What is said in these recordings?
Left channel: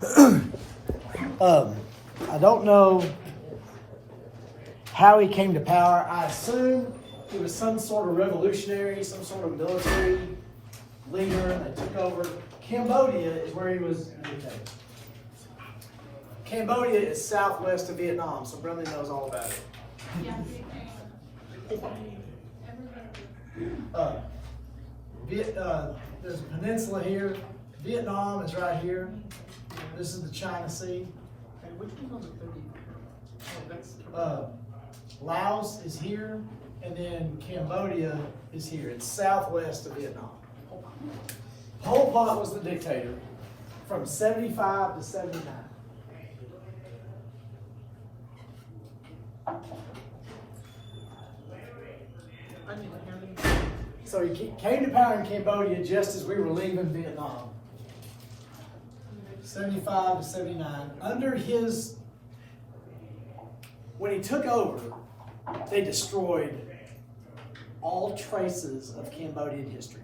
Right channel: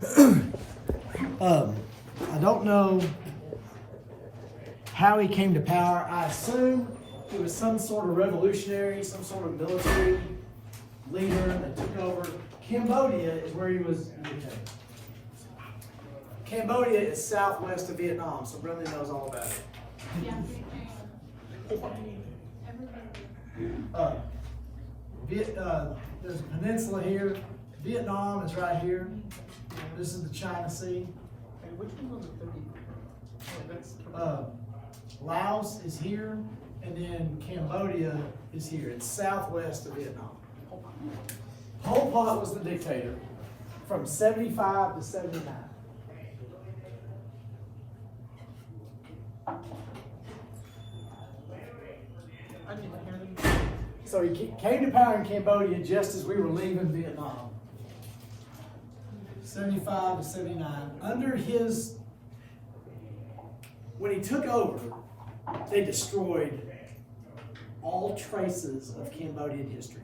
I don't know how he came to power. I assume he was some sort of revolutionary, some sort of military leader that took over. Cambodia is where he was. Cambodia is southwest of Vietnam, so Brendan knows all about it. There's a peninsula here. Vietnam is right here. This is the China Sea. Laos is here, and then Cambodia is here. It's southwest of Vietnam. Pol Pot was the dictator from 75 to 79. So he came to power in Cambodia just as we were leaving Vietnam. 75 to 79. Under his, when he took over, they destroyed all traces of Cambodian history.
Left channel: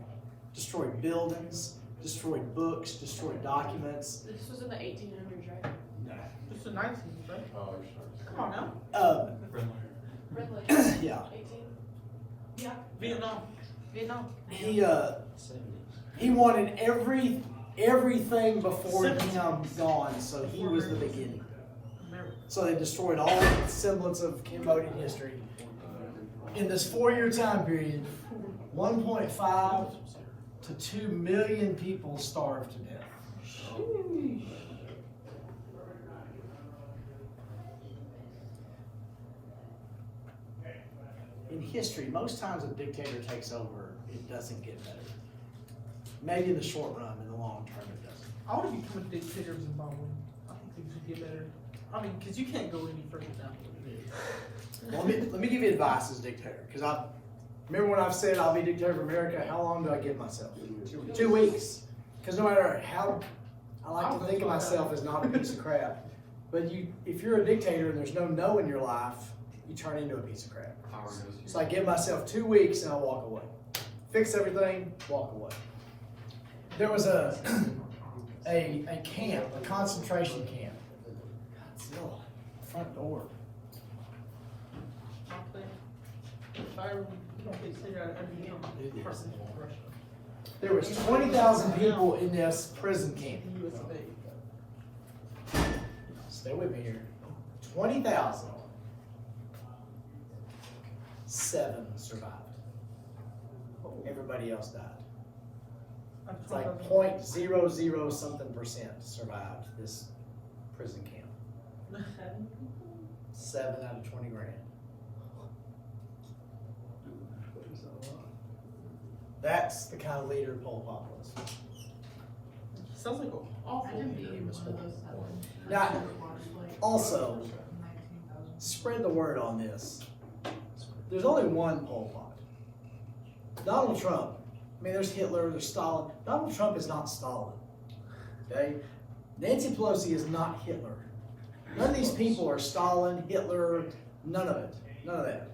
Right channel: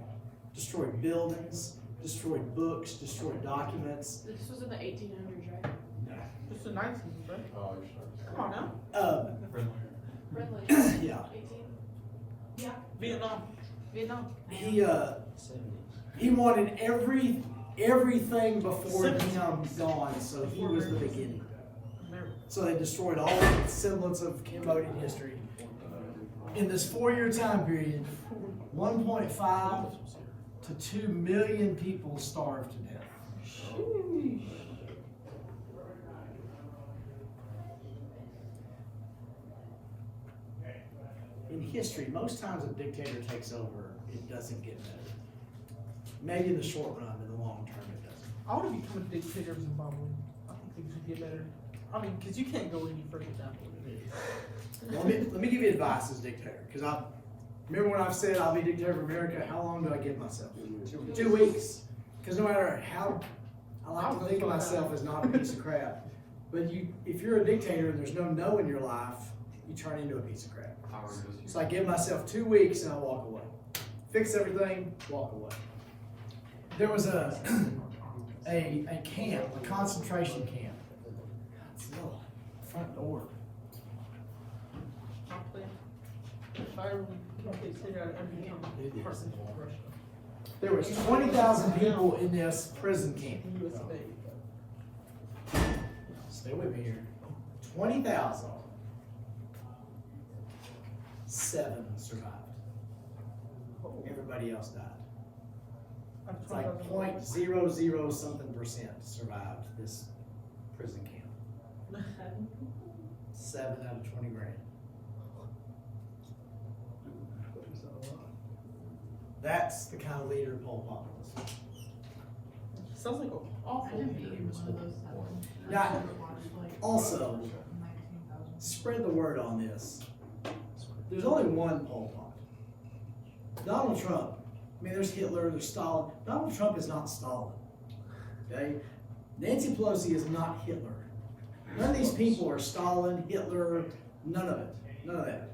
Destroyed buildings, destroyed books, destroyed documents. This was in the 1800s, right? No. It's the 19th, right? Come on now. Yeah. Yeah. Vietnam. He wanted everything before him gone, so he was the beginning. So they destroyed all the semblance of Cambodian history. In this 4-year time period, 1.5 to 2 million people starved to death. In history, most times a dictator takes over, it doesn't get better. Maybe in the short run, in the long term, it doesn't. I want to become a dictator in Zimbabwe. I think things would get better. I mean, because you can't go any further down. Well, let me give you advice as dictator, because I remember when I've said I'll be dictator of America. How long do I give myself? 2 weeks. Because no matter how I like to think of myself as not a piece of crap, but if you're a dictator and there's no no in your life, you turn into a piece of crap. So I give myself 2 weeks and I walk away. Fix everything, walk away. There was a camp, a concentration camp. Godzilla, front door. There was 20,000 people in this prison camp. Stay with me here. 20,000. 7 survived. Everybody else died. It's like 0.00 something percent survived this prison camp. 7 out of 20 grand. That's the kind of leader Pol Pot was. Sounds like an awful. Now, also, spread the word on this. There's only one Pol Pot. Donald Trump. I mean, there's Hitler, there's Stalin. Donald Trump is not Stalin. Okay? Nancy Pelosi is not Hitler. None of these people are Stalin, Hitler, none of it. None of that.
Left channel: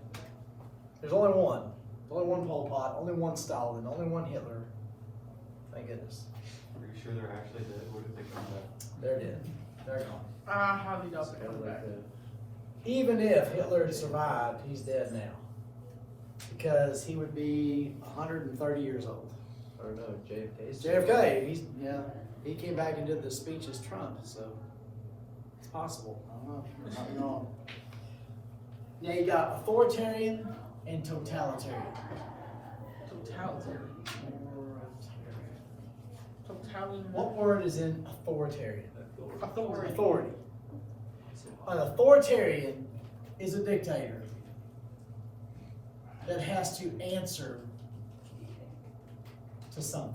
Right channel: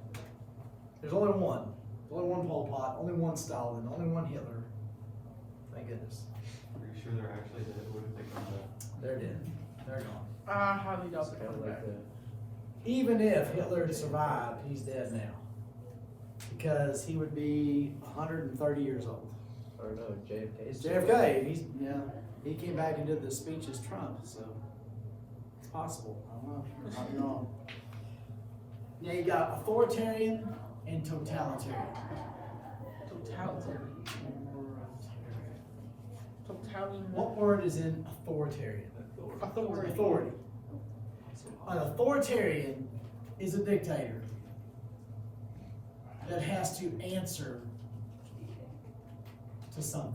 There's only one. Only one Pol Pot, only one Stalin, only one Hitler. Thank goodness. Are you sure they're actually dead? What did they come back? They're dead. They're gone. I highly doubt they come back. Even if Hitler had survived, he's dead now. Because he would be 130 years old. Or no, JFK. It's JFK. He came back and did the speech as Trump, so it's possible. I don't know. I might be wrong. Now you got authoritarian and totalitarian. Totalitarian. What word is in authoritarian? Authority. Authority. An authoritarian is a dictator that has to answer to something.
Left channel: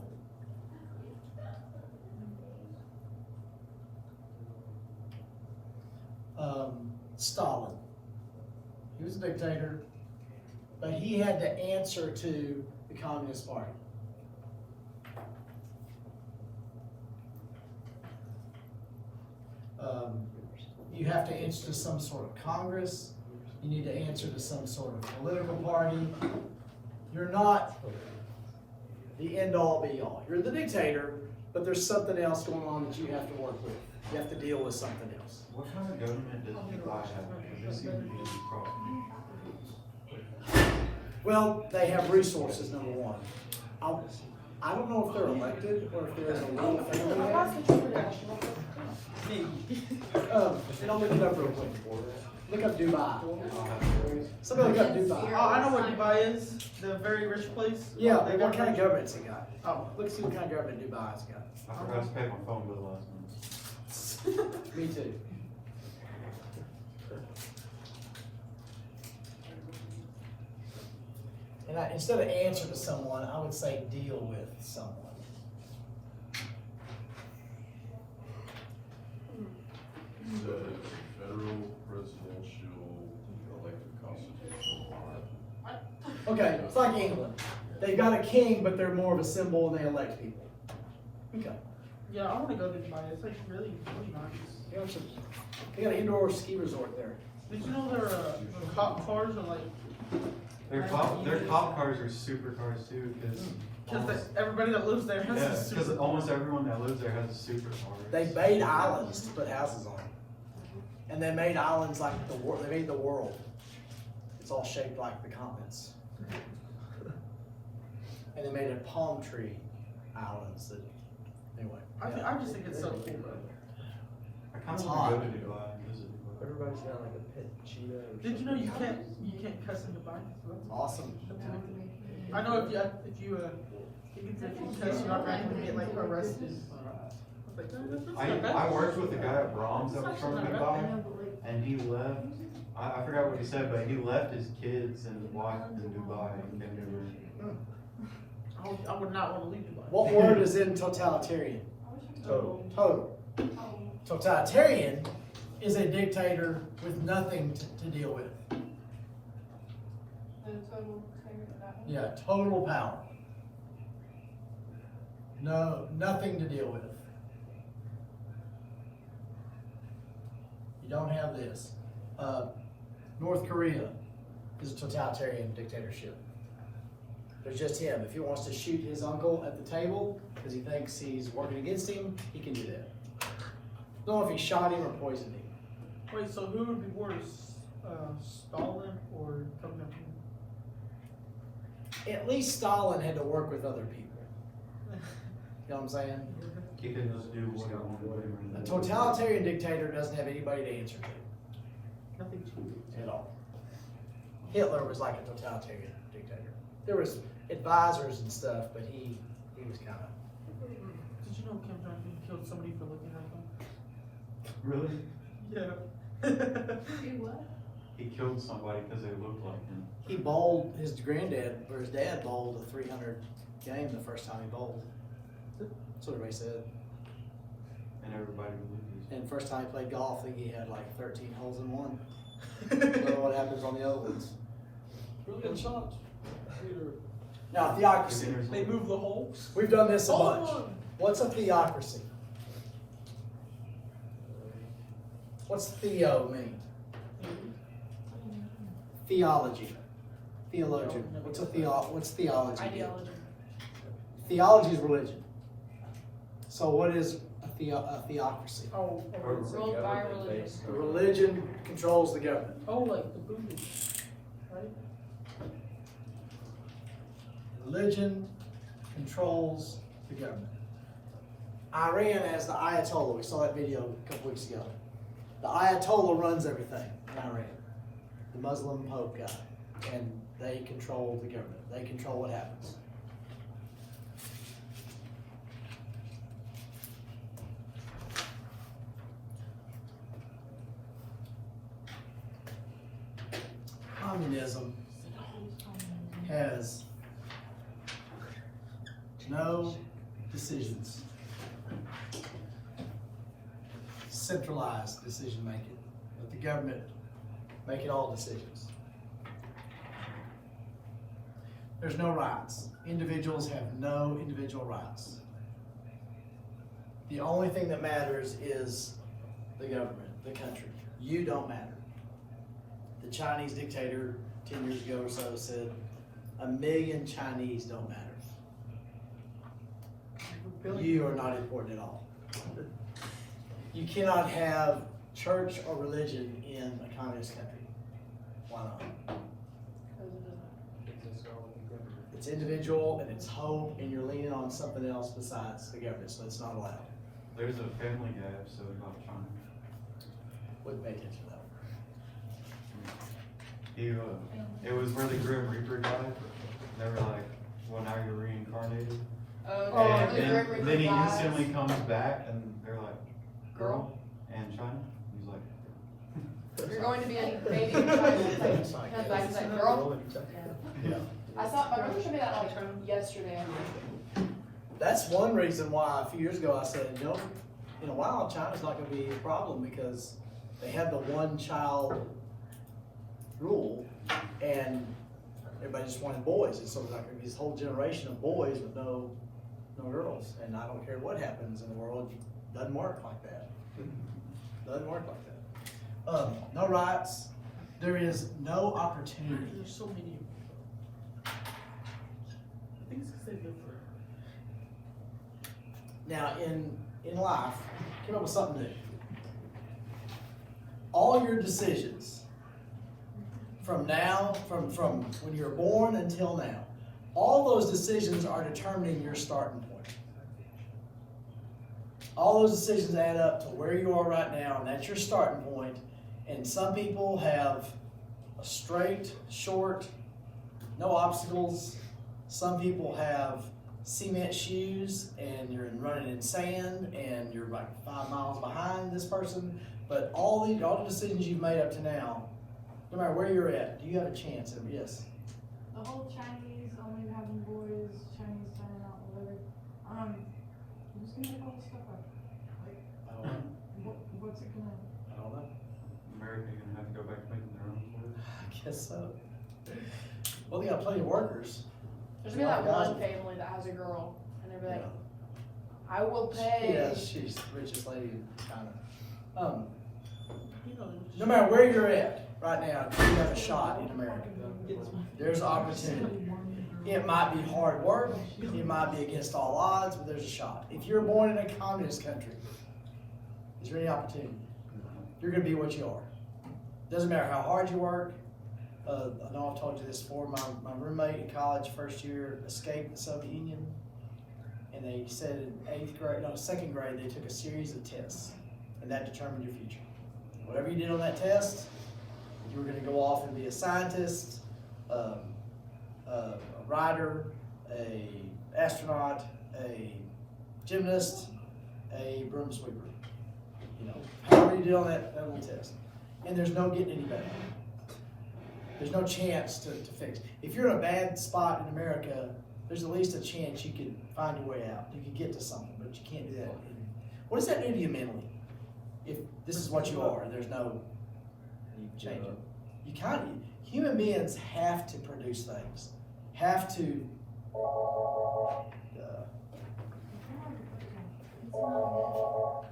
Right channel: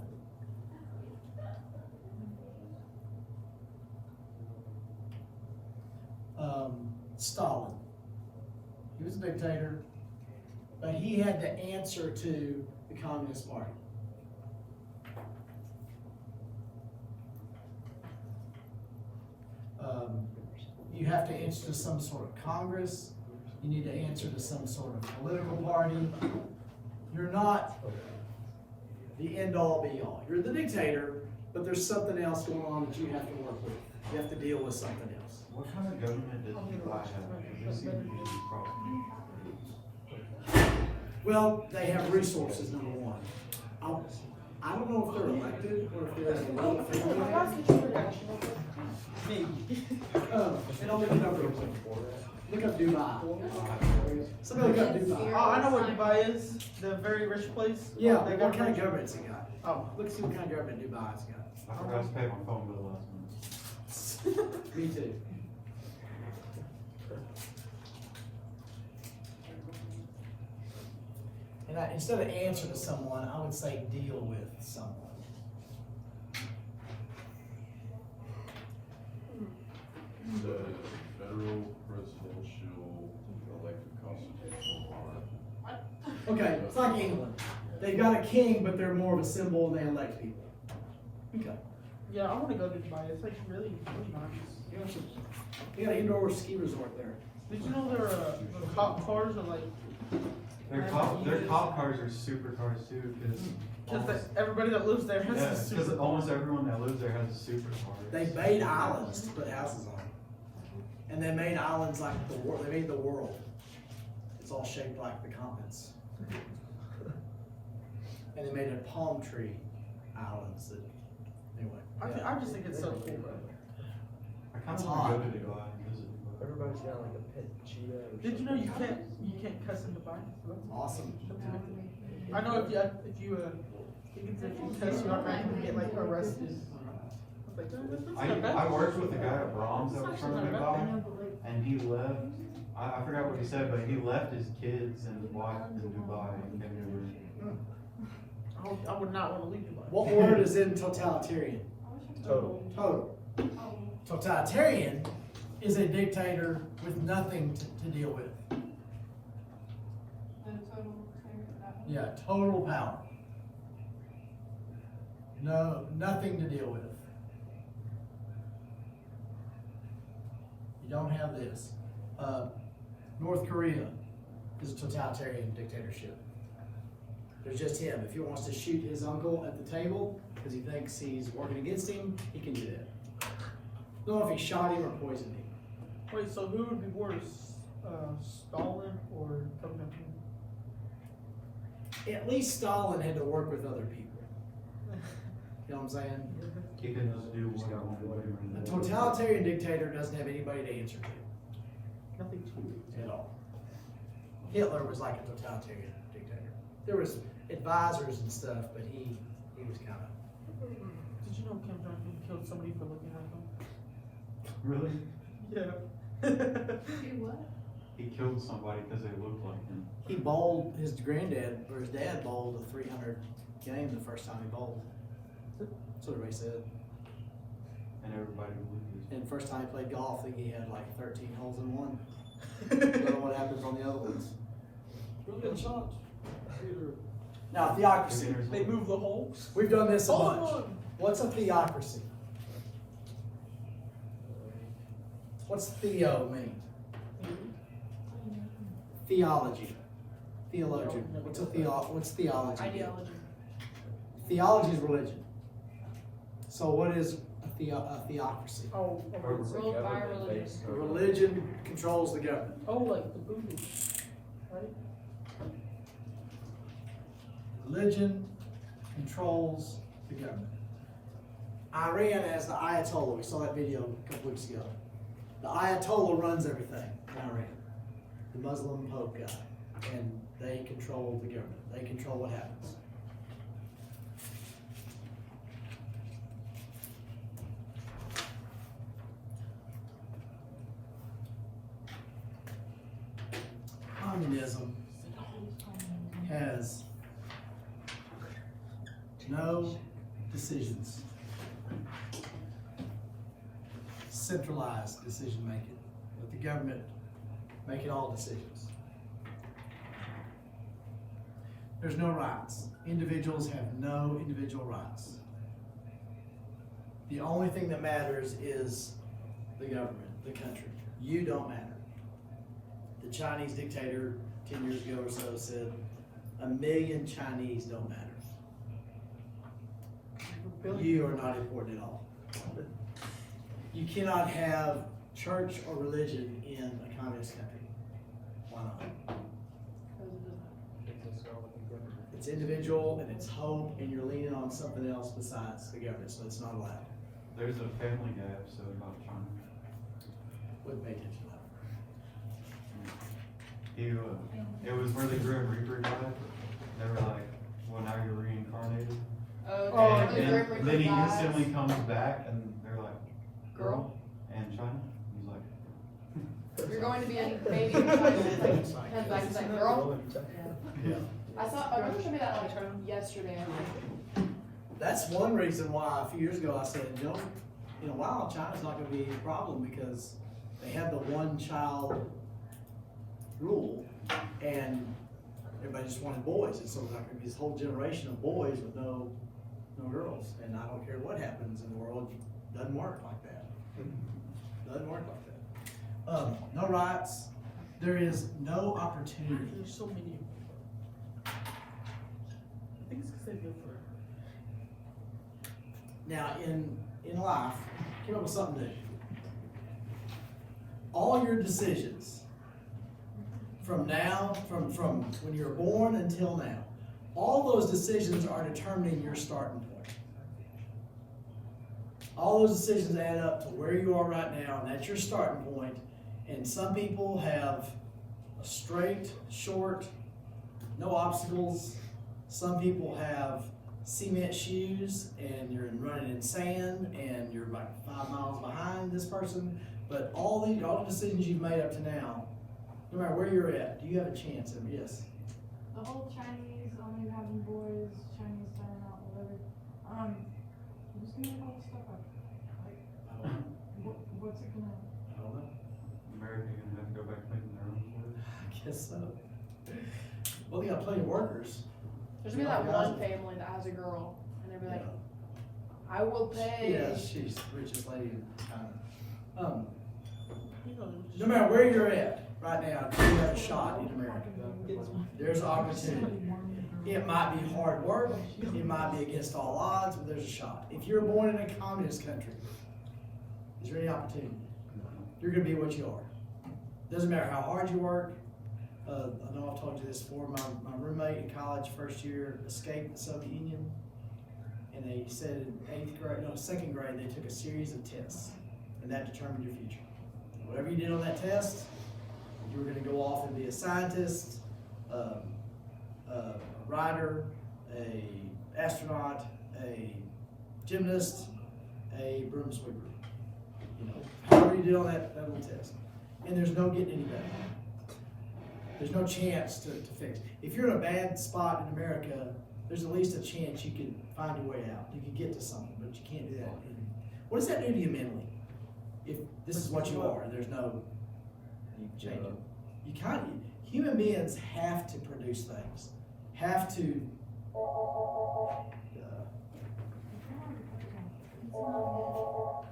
Stalin. He was a dictator, but he had to answer to the Communist Party. You have to answer to some sort of Congress. You need to answer to some sort of political party. You're not the end-all, be-all. You're the dictator, but there's something else going on that you have to work with. You have to deal with something else. What kind of government does Dubai have? It seems to be a problem. Well, they have resources, number one. I don't know if they're elected or if there's a little family there. Don't look it up real quick. Look up Dubai. Somebody look up Dubai. Oh, I know what Dubai is. The very rich place. Yeah, but what kind of government's it got? Oh, Look, see what kind of government Dubai's got. I forgot to pay my phone bill last month. Me too. And instead of answer to someone, I would say deal with someone. The federal presidential elected constitutional monarch. Okay, it's like England. They've got a king, but they're more of a symbol and they elect people. Okay. yeah, I want to go to Dubai. It's like really, really nice. They got an indoor ski resort there. Did you know their cop cars are like? Their cop cars are super cars too, Because everybody that lives there has a because super. almost everyone that lives there has a super car. They made islands to put houses on. And they made islands like the world. They made the world. It's all shaped like the continents. And they made a palm tree islands that, anyway. I just think it's so cool. I kind It's of want hot. to go out and visit. Everybody's got like a pet cheetah. Or Did you know you something. can't cuss in Dubai? Awesome. I know if you cuss, you out, you can get like arrested. Like, I worked with a guy at Brahms that was from Dubai, and he left. I forgot what he said, but he left his kids and wife in Dubai and came here. I would not want to leave Dubai. What word is in totalitarian? Total. Total. Totalitarian is a dictator with nothing to deal with. Yeah, total power. No, nothing to deal with. You don't have this. North Korea is a totalitarian dictatorship. There's just him. If he wants to shoot his uncle at the table because he thinks he's working against him, he can do that. Don't know if he shot him or poisoned him. Wait, so who would be worse, Stalin or coming up here? At least Stalin had to work with other people. You know what I'm saying? Keeping his news going. A totalitarian dictator doesn't have anybody to answer to Nothing's cool. at all. Hitler was like a totalitarian dictator. There was advisors and stuff, but he was kind of. Did you know Kim Jong-un killed somebody for looking at him? Really? Yeah. He killed somebody because they looked like him. He bowled his granddad or his dad bowled a 300 game the first time he bowled. That's what everybody said. And everybody believed it. And the first time he played golf, I think he had like 13 holes in one. I don't know what happens on the other ones. Really good shots. Now, theocracy. They moved the holes. We've done this a bunch. What's a theocracy? What's theo mean? Theology. Theologian. What's theology do? Theology is religion. So what is a theocracy? Oh, It's a government based. A religion controls the government. oh, like the voodoo, right? Religion controls the government. Iran has the Ayatollah. We saw that video a couple weeks ago. The Ayatollah runs everything in Iran. The Muslim Pope guy. And they control the government. They control what happens. Communism has no decisions. Centralized decision making. Let the government make all decisions. There's no rights. Individuals have no individual rights. The only thing that matters is the government, the country. You don't matter. The Chinese dictator 10 years ago or so said, 1 million Chinese don't matter. You are not important at all. You cannot have church or religion in a communist country. Why not? It's individual and it's hope, and you're leaning on something else besides the government, so it's not allowed. There's a Family Guy episode about Trump. Wouldn't pay attention to that. It was where the Grim Reaper died. They were like, well, now you're reincarnated. And then he instantly comes back and they're like, girl, and China. He's like, You're going to be a baby. Comes back and said, girl. Yeah. I saw, my brother showed me that on yesterday, I think. That's one reason why a few years ago I said, in a while, China's not gonna be a problem because they have the one child rule and everybody just wanted boys. And so there's not gonna be this whole generation of boys with no girls. And I don't care what happens in the world, it doesn't work like that. Doesn't work like that. No rights. There is no opportunity. There's so many. I think it's because they're different. Now, in life, I came up with something new. All your decisions from when you were born until now, all those decisions are determining your starting point. All those decisions add up to where you are right now, and that's your starting point. And some people have a straight, short, no obstacles. Some people have cement shoes and you're running in sand and you're like 5 miles behind this person. But all the decisions you've made up to now, no matter where you're at, do you have a chance? And yes. The whole Chinese, only having boys, Chinese men out, whatever. Who's gonna make all this stuff up? Like, I don't know. what's it gonna? I don't know. America gonna have to go back to making their own work. I guess so. Well, they got plenty of workers. There's gonna be that one family that has a girl, and they're like, I will pay. Yeah, she's the richest lady in China. You know, No matter where you're at right now, you have a shot in America. There's opportunity. It might be hard work, it might be against all odds, but there's a shot. If you're born in a communist country, is there any opportunity? You're gonna be what you are. Doesn't matter how hard you work. I know I've told you this before, my roommate in college, first year, escaped the Soviet Union. And they said in second grade, they took a series of tests, and that determined your future. Whatever you did on that test, you were gonna go off and be a scientist, a writer, a astronaut, a gymnast, a broom sweeper. However you did on that little test. And there's no getting any better. There's no chance to fix it. If you're in a bad spot in America, there's at least a chance you could find your way out. You could get to something, but you can't do that. What does that do to you mentally? If this is what you are, and there's no change. Human beings have to produce things. Have to. It's not